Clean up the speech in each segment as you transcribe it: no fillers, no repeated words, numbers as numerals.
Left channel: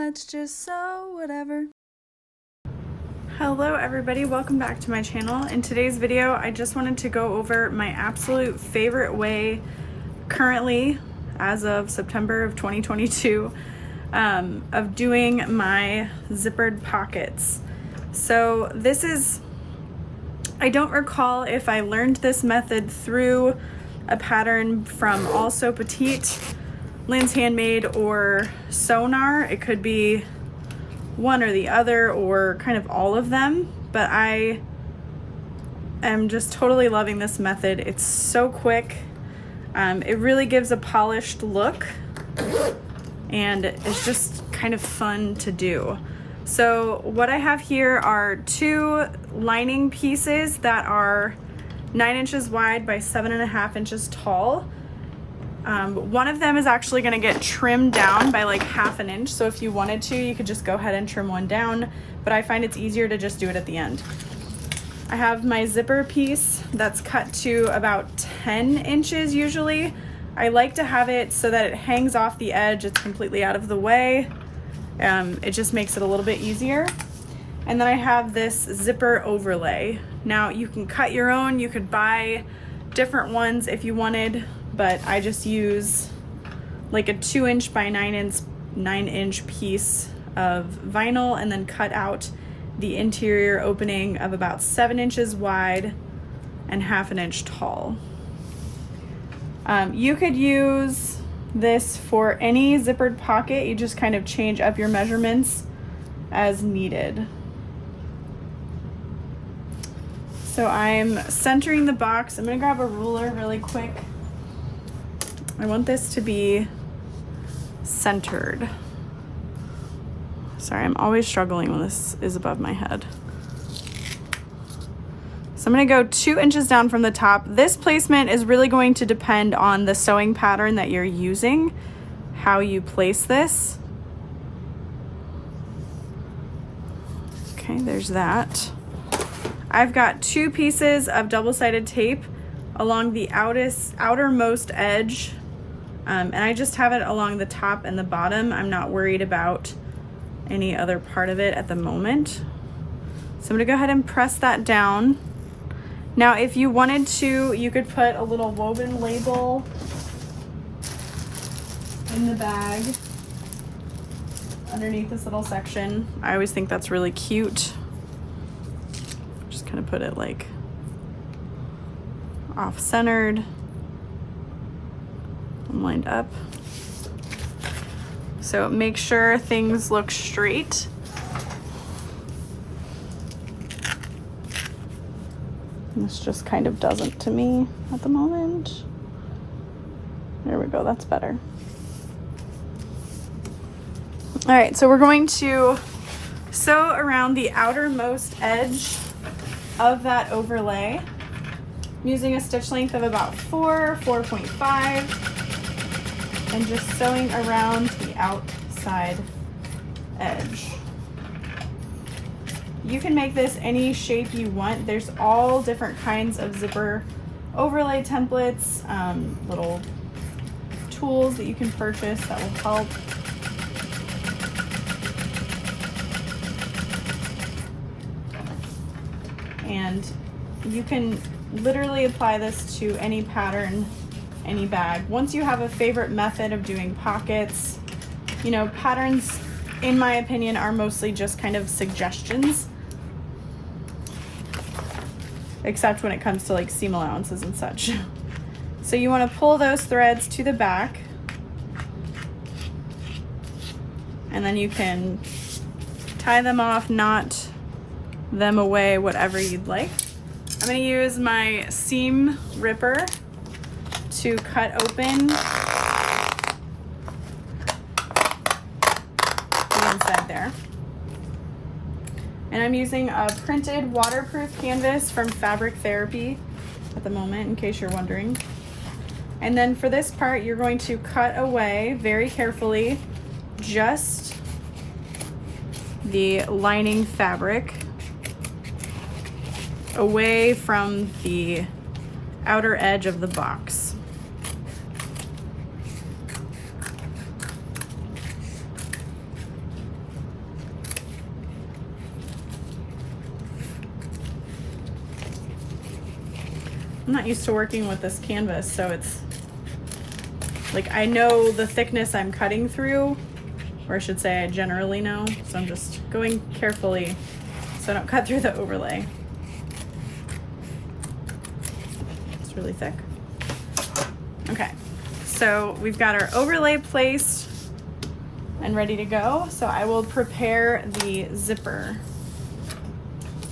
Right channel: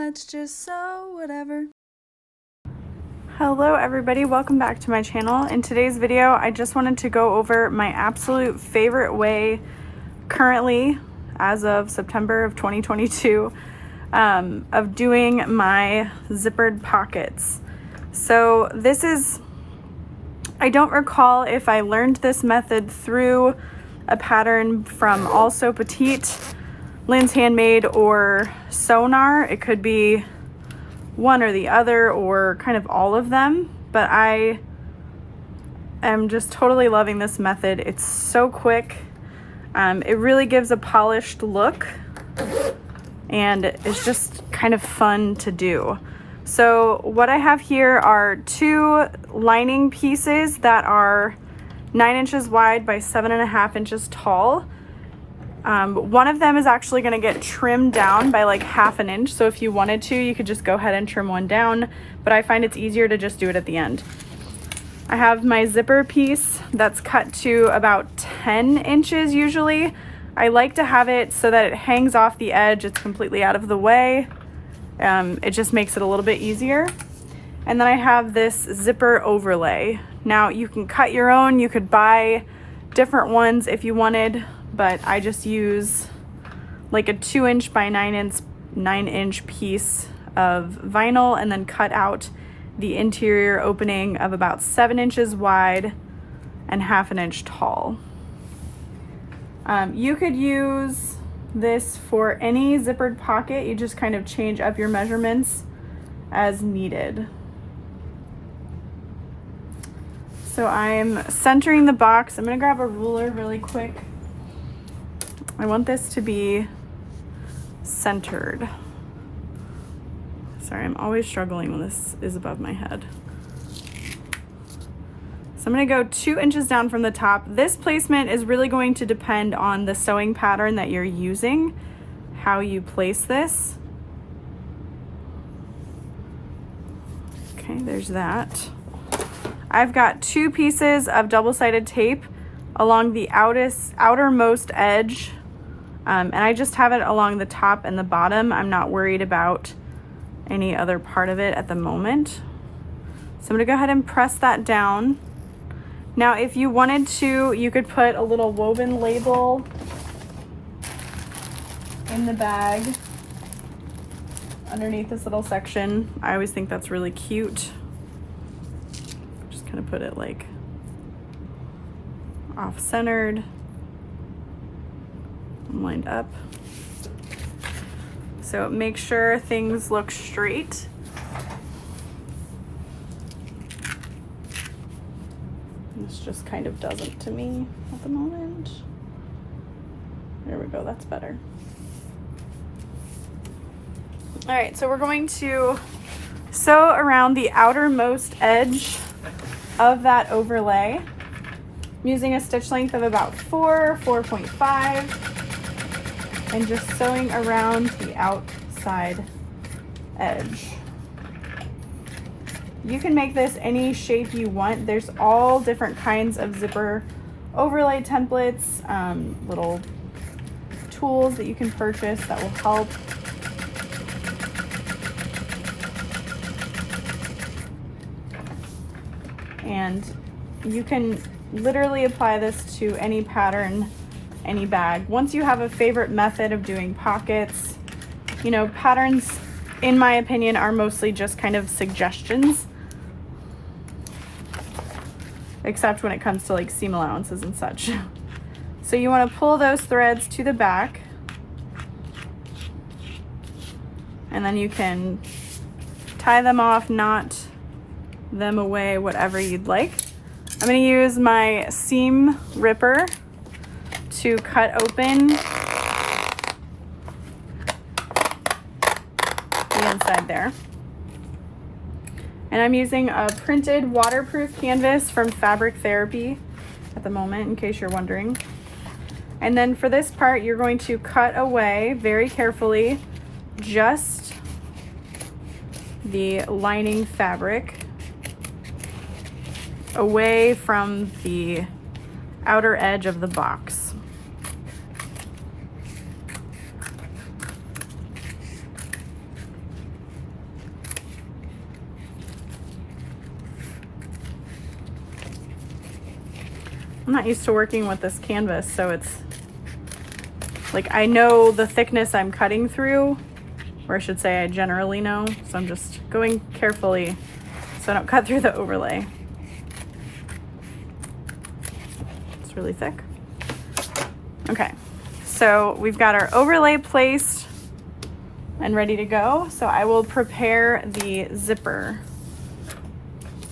let's just sew whatever. Hello everybody, welcome back to my channel. In today's video, I just wanted to go over my absolute favorite way currently, as of September of 2022, of doing my zippered pockets. So this is, I don't recall if I learned this method through a pattern from Also Petite, Lynn's Handmade, or Sonar. It could be one or the other, or kind of all of them, but I am just totally loving this method. It's so quick. It really gives a polished look, and it's just kind of fun to do. So what I have here are two lining pieces that are 9 inches wide by 7.5 inches tall. One of them is actually going to get trimmed down by like 1/2 inch. So if you wanted to, you could just go ahead and trim one down, but I find it's easier to just do it at the end. I have my zipper piece that's cut to about 10 inches usually. I like to have it so that it hangs off the edge. It's completely out of the way. It just makes it a little bit easier. And then I have this zipper overlay. Now you can cut your own, you could buy different ones if you wanted, but I just use like a 2 inch by 9 inch piece of vinyl and then cut out the interior opening of about 7 inches wide and 1/2 inch tall. You could use this for any zippered pocket. You just kind of change up your measurements as needed. So I'm centering the box. I'm gonna grab a ruler really quick. I want this to be centered. Sorry, I'm always struggling when this is above my head. So I'm gonna go 2 inches down from the top. This placement is really going to depend on the sewing pattern that you're using, how you place this. Okay, there's that. I've got 2 pieces of double-sided tape along the outermost edge, and I just have it along the top and the bottom. I'm not worried about any other part of it at the moment. So I'm gonna go ahead and press that down. Now, if you wanted to, you could put a little woven label in the bag underneath this little section. I always think that's really cute. Just kind of put it like off-centered and lined up. So make sure things look straight. This just kind of doesn't to me at the moment. There we go, that's better. All right, so we're going to sew around the outermost edge of that overlay using a stitch length of about 4.5, and just sewing around the outside edge. You can make this any shape you want. There's all different kinds of zipper overlay templates, little tools that you can purchase that will help. And you can literally apply this to any pattern, any bag. Once you have a favorite method of doing pockets, you know, patterns, in my opinion, are mostly just kind of suggestions, except when it comes to like seam allowances and such. So you want to pull those threads to the back, and then you can tie them off, knot them away, whatever you'd like. I'm going to use my seam ripper to cut open the inside there. And I'm using a printed waterproof canvas from Fabric Therapy at the moment, in case you're wondering. And then for this part, you're going to cut away very carefully just the lining fabric away from the outer edge of the box. I'm not used to working with this canvas, so it's like I know the thickness I'm cutting through, or I should say I generally know, so I'm just going carefully so I don't cut through the overlay. It's really thick. Okay, so we've got our overlay placed and ready to go, so I will prepare the zipper.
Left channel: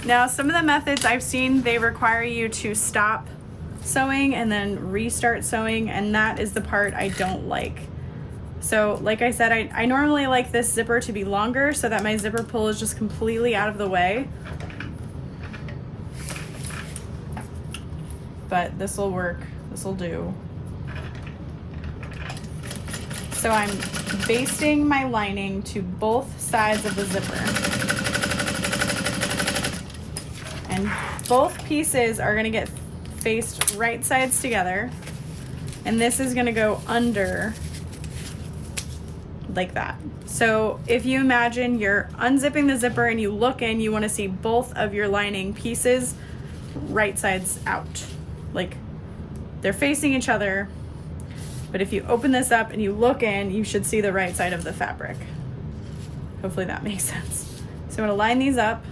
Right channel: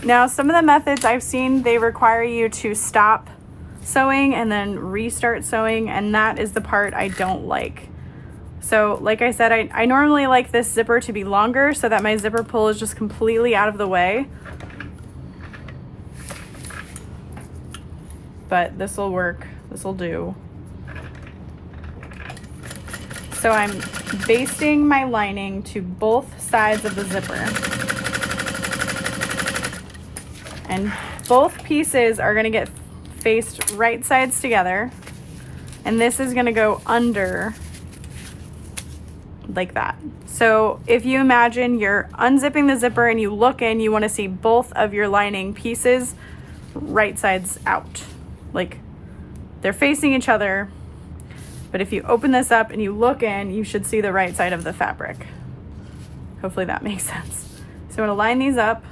Now, some of the methods I've seen, they require you to stop sewing and then restart sewing, and that is the part I don't like. So like I said, I normally like this zipper to be longer so that my zipper pull is just completely out of the way. But this will work, this will do. So I'm basting my lining to both sides of the zipper. And both pieces are gonna get faced right sides together. And this is gonna go under like that. So if you imagine you're unzipping the zipper and you look in, you wanna see both of your lining pieces right sides out. Like they're facing each other, but if you open this up and you look in, you should see the right side of the fabric. Hopefully that makes sense. So I'm gonna line these up.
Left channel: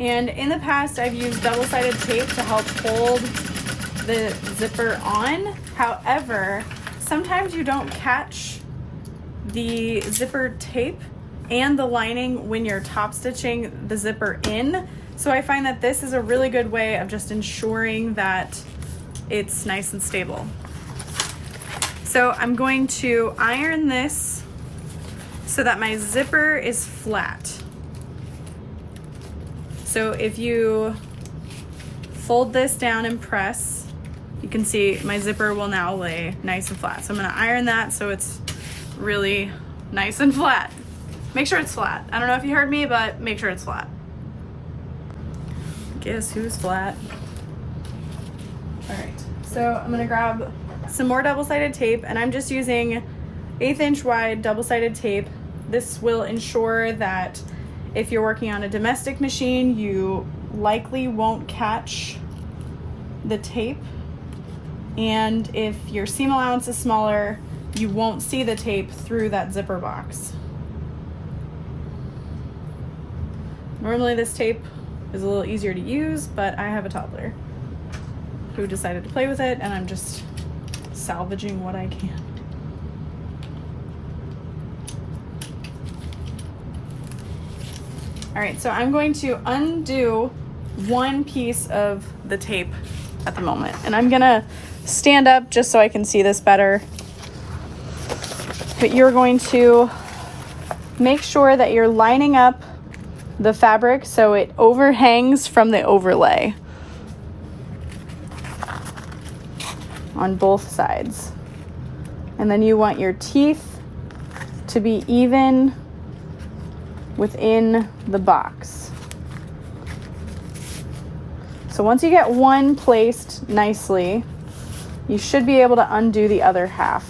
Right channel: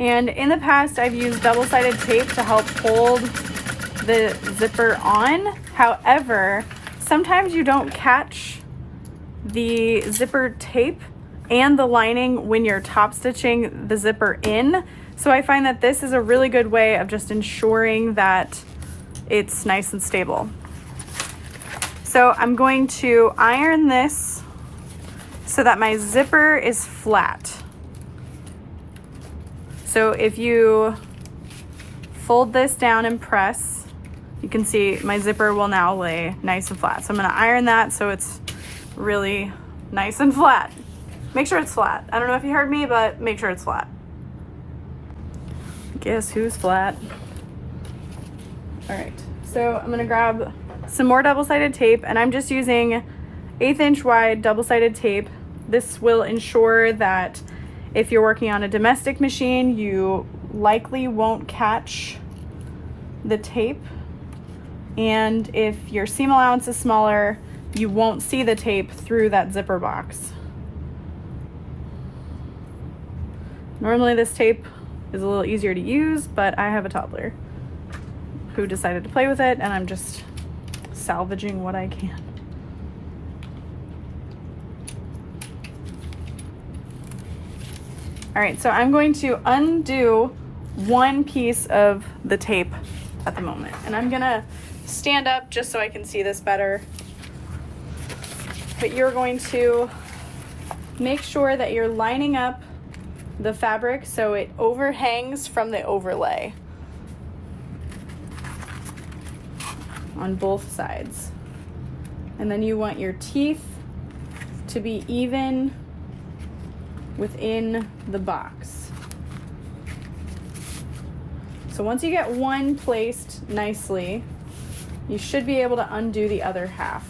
And in the past, I've used double-sided tape to help hold the zipper on. However, sometimes you don't catch the zipper tape and the lining when you're top stitching the zipper in. So I find that this is a really good way of just ensuring that it's nice and stable. So I'm going to iron this so that my zipper is flat. So if you fold this down and press, you can see my zipper will now lay nice and flat. So I'm gonna iron that so it's really nice and flat. Make sure it's flat. I don't know if you heard me, but make sure it's flat. Guess who's flat? All right, so I'm gonna grab some more double-sided tape, and I'm just using 1/8 inch wide double-sided tape. This will ensure that if you're working on a domestic machine, you likely won't catch the tape. And if your seam allowance is smaller, you won't see the tape through that zipper box. Normally this tape is a little easier to use, but I have a toddler who decided to play with it, and I'm just salvaging what I can. All right, so I'm going to undo one piece of the tape at the moment, and I'm gonna stand up just so I can see this better. But you're going to make sure that you're lining up the fabric so it overhangs from the overlay on both sides. And then you want your teeth to be even within the box. So once you get one placed nicely, you should be able to undo the other half.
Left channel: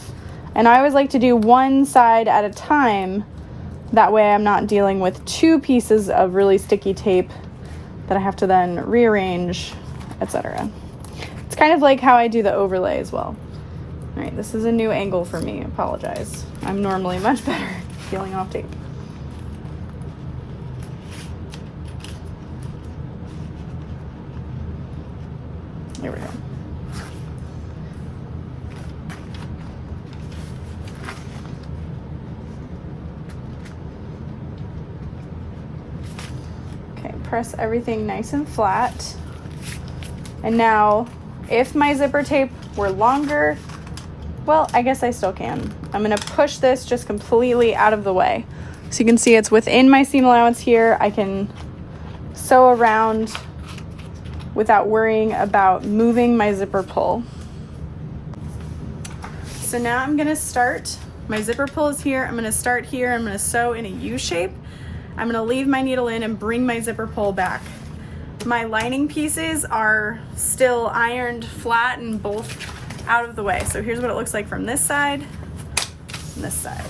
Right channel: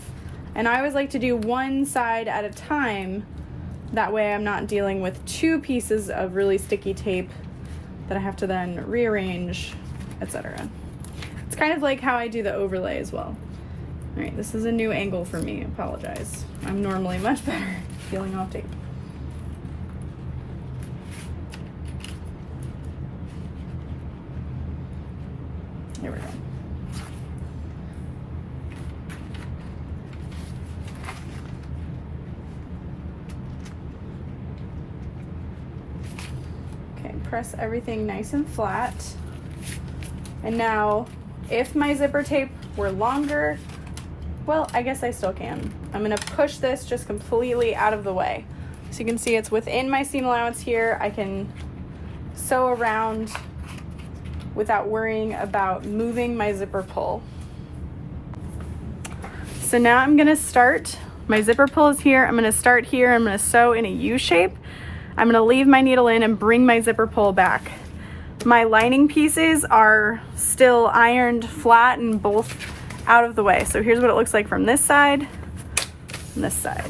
And I always like to do one side at a time. That way I'm not dealing with two pieces of really sticky tape that I have to then rearrange, etc. It's kind of like how I do the overlay as well. All right, this is a new angle for me, apologize. I'm normally much better peeling off tape. Here we go. Okay, press everything nice and flat. And now, if my zipper tape were longer, well, I guess I still can. I'm gonna push this just completely out of the way. So you can see it's within my seam allowance here. I can sew around without worrying about moving my zipper pull. So now I'm gonna start, my zipper pull is here, I'm gonna start here, I'm gonna sew in a U shape. I'm gonna leave my needle in and bring my zipper pull back. My lining pieces are still ironed flat and both out of the way. So here's what it looks like from this side and this side.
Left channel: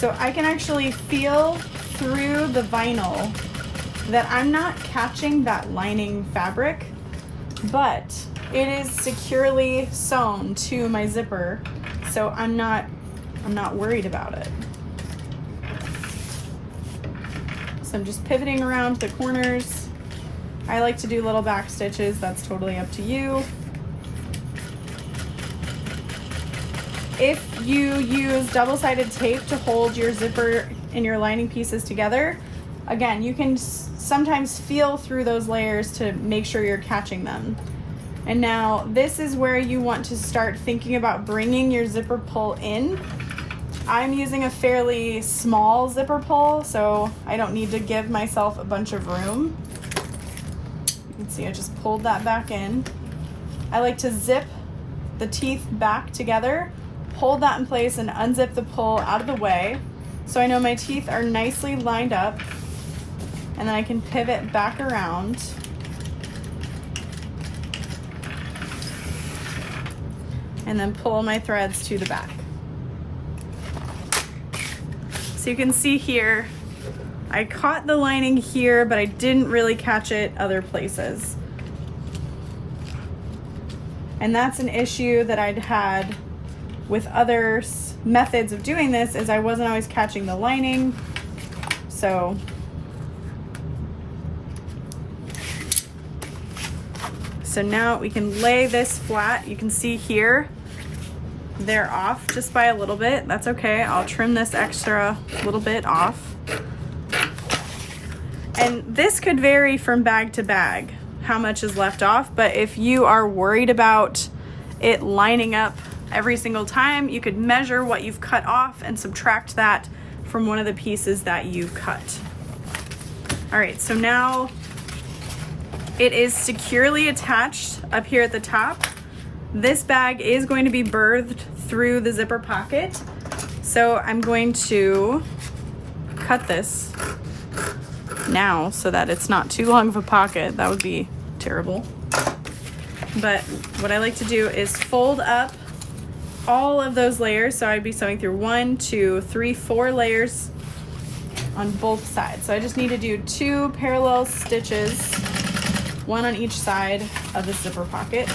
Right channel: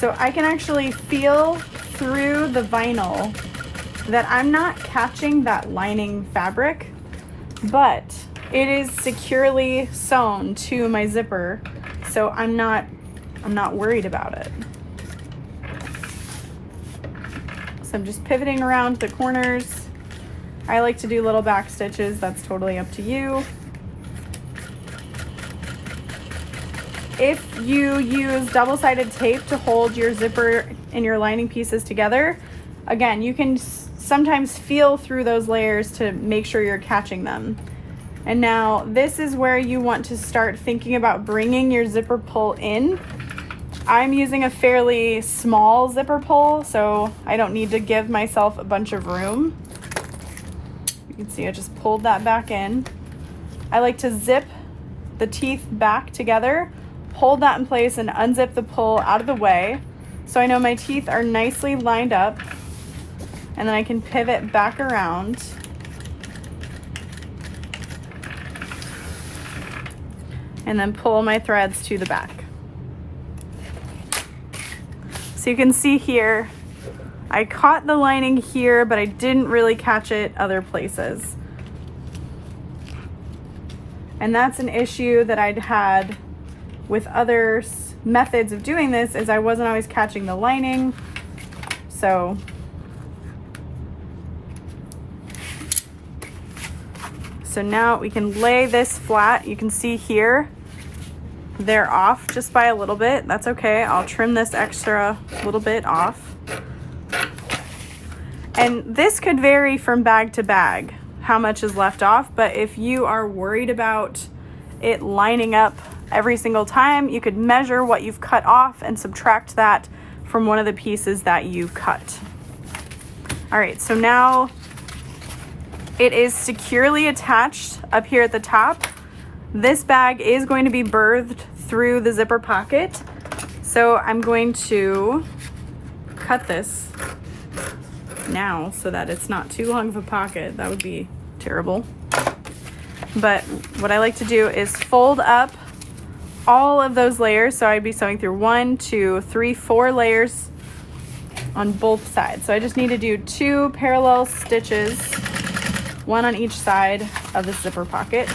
So I can actually feel through the vinyl that I'm not catching that lining fabric, but it is securely sewn to my zipper, so I'm not worried about it. So I'm just pivoting around the corners. I like to do little back stitches, that's totally up to you. If you use double-sided tape to hold your zipper and your lining pieces together, again, you can sometimes feel through those layers to make sure you're catching them. And now this is where you want to start thinking about bringing your zipper pull in. I'm using a fairly small zipper pull, so I don't need to give myself a bunch of room. You can see I just pulled that back in. I like to zip the teeth back together, hold that in place, and unzip the pull out of the way. So I know my teeth are nicely lined up, and then I can pivot back around. And then pull my threads to the back. So you can see here, I caught the lining here, but I didn't really catch it other places. And that's an issue that I'd had with other methods of doing this, is I wasn't always catching the lining. So now we can lay this flat. You can see here, they're off just by a little bit. That's okay. I'll trim this extra little bit off. And this could vary from bag to bag, how much is left off. But if you are worried about it lining up every single time, you could measure what you've cut off and subtract that from one of the pieces that you've cut. All right, so now it is securely attached up here at the top. This bag is going to be birthed through the zipper pocket. So I'm going to cut this now so that it's not too long of a pocket. That would be terrible. But what I like to do is fold up all of those layers. So I'd be sewing through 1, 2, 3, 4 layers on both sides. So I just need to do 2 parallel stitches, 1 on each side of the zipper pocket.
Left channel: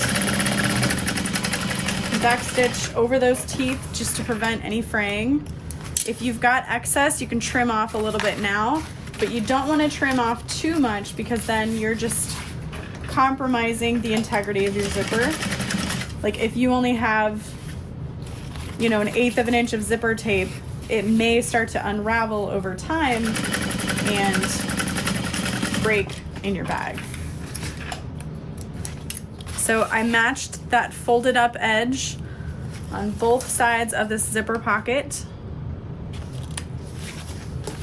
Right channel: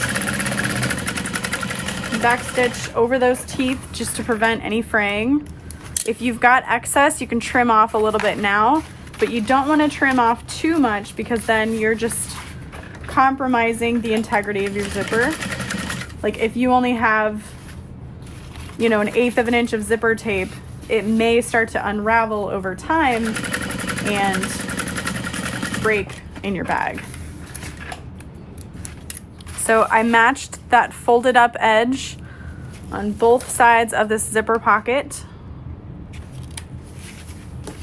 Back stitch over those teeth just to prevent any fraying. If you've got excess, you can trim off a little bit now, but you don't want to trim off too much because then you're just compromising the integrity of your zipper. Like if you only have, you know, 1/8 of an inch of zipper tape, it may start to unravel over time and break in your bag. So I matched that folded up edge on both sides of this zipper pocket.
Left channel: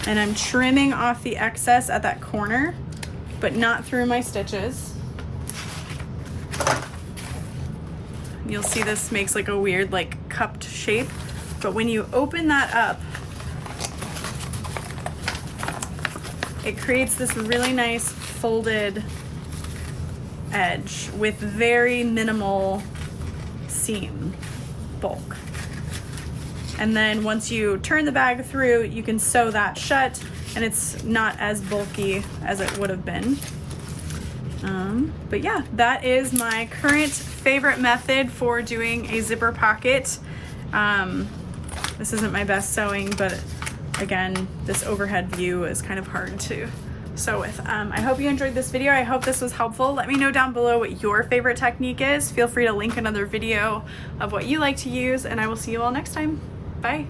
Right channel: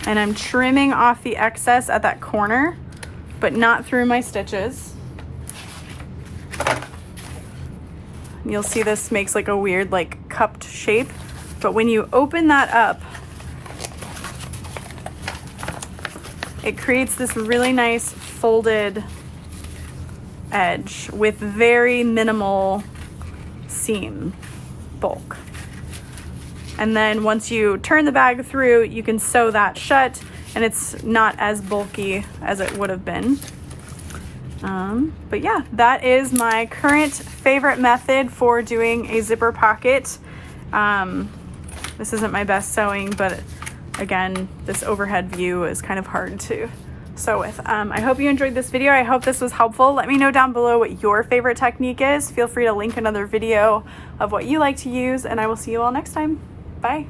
And I'm trimming off the excess at that corner, but not through my stitches. You'll see this makes like a weird like cupped shape, but when you open that up, it creates this really nice folded edge with very minimal seam bulk. And then once you turn the bag through, you can sew that shut and it's not as bulky as it would have been. But yeah, that is my current favorite method for doing a zipper pocket. This isn't my best sewing, but again, this overhead view is kind of hard to sew with. I hope you enjoyed this video. I hope this was helpful. Let me know down below what your favorite technique is. Feel free to link another video of what you like to use, and I will see you all next time. Bye.